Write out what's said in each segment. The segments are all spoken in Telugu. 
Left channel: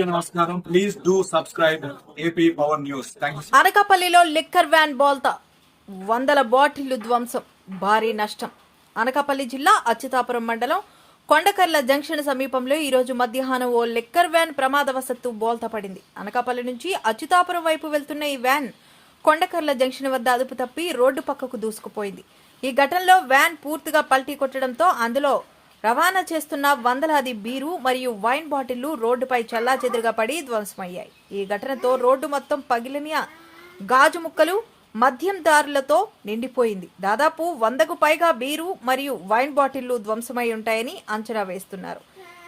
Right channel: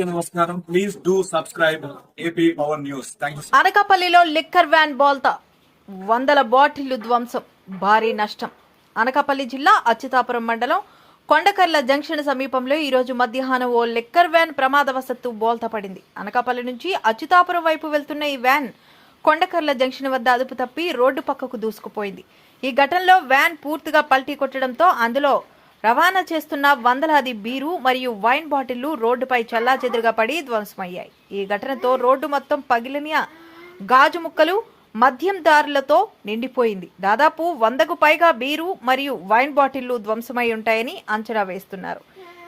నమస్కారం. Please do subscribe AP power news అనకాపల్లిలో లిక్కర్ వ్యాన్ బోల్తా. వందల బాటిళ్ళు ధ్వంసం. భారీ నష్టం. అనకాపల్లి జిల్లా అచ్యుతాపురం మండలం కొండకర్ల జంక్షన్ సమీపంలో ఈ రోజు మధ్యాహ్నం ఓ లిక్కర్ వ్యాన్ ప్రమాదవశత్తు బోల్తా పడింది. అనకాపల్లి నుంచి అచ్యుతాపురం వైపు వెళ్తున్న ఈ వ్యాన్ కొండకర్ల జంక్షన్ వద్ద అదుపు తప్పి రోడ్డు పక్కకు దూసుకుపోయింది. ఈ ఘటనలో వ్యాన్ పూర్తిగా పల్టీ కొట్టడంతో అందులో రవాణా చేస్తున్న వందలాది బీరు మరియు వైన్ బాటిళ్ళు రోడ్డుపై చెల్లాచెదురుగా పడి ధ్వంసమయ్యాయి. ఈ ఘటనతో రోడ్డు మొత్తం పగిలిన గాజు ముక్కలు మద్యం దారులతో నిండిపోయింది. దాదాపు వందకు పైగా బీరు మరియు వైన్ బాటిళ్ళు ధ్వంసమై ఉంటాయని అంచనా వేస్తున్నారు.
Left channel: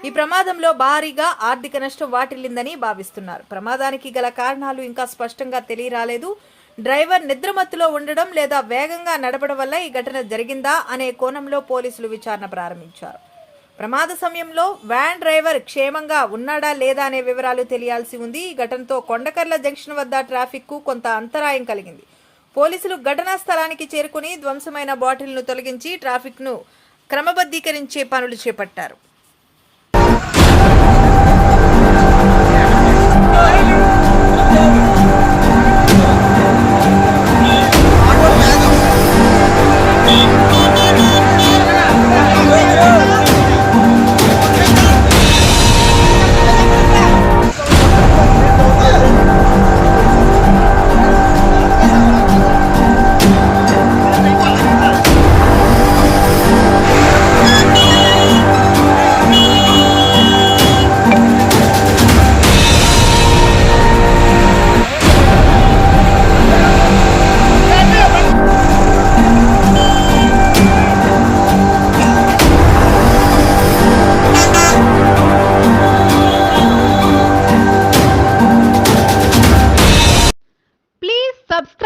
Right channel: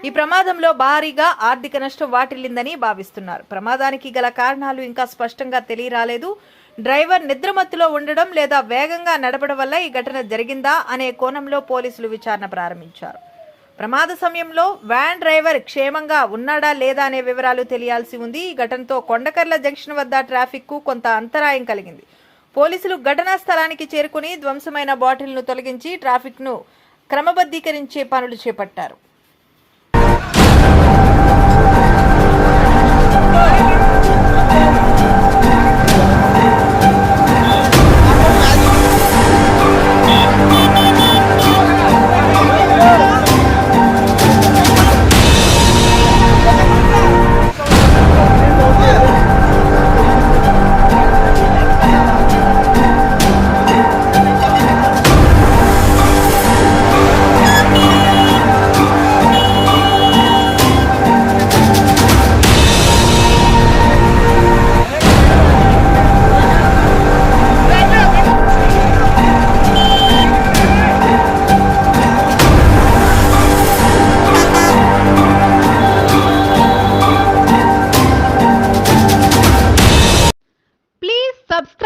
ఈ ప్రమాదంలో భారీగా ఆర్థిక నష్టం వాటిల్లిందని భావిస్తున్నారు. ప్రమాదానికి గల కారణాలు ఇంకా స్పష్టంగా తెలియరాలేదు. డ్రైవర్ నిద్రమత్తులో ఉండడం లేదా వేగంగా నడపడం వల్ల ఈ ఘటన జరిగిందా అనే కోణంలో పోలీసులు విచారణ ప్రారంభించారు. ప్రమాద సమయంలో వ్యాన్ డ్రైవర్ క్షేమంగా ఉన్నాడా లేదా అనే వివరాలు తెలియాల్సి ఉంది. ఈ ఘటనతో కొండకర్ల జంక్షన్ వద్ద ట్రాఫిక్కు కొంత అంతరాయం కలిగింది. పోలీసులు ఘటనా స్థలానికి చేరుకుని ధ్వంసమైన బాటిల్ను తొలగించి ట్రాఫిక్ను క్రమబద్ధీకరించే పనులు చేపట్టారు.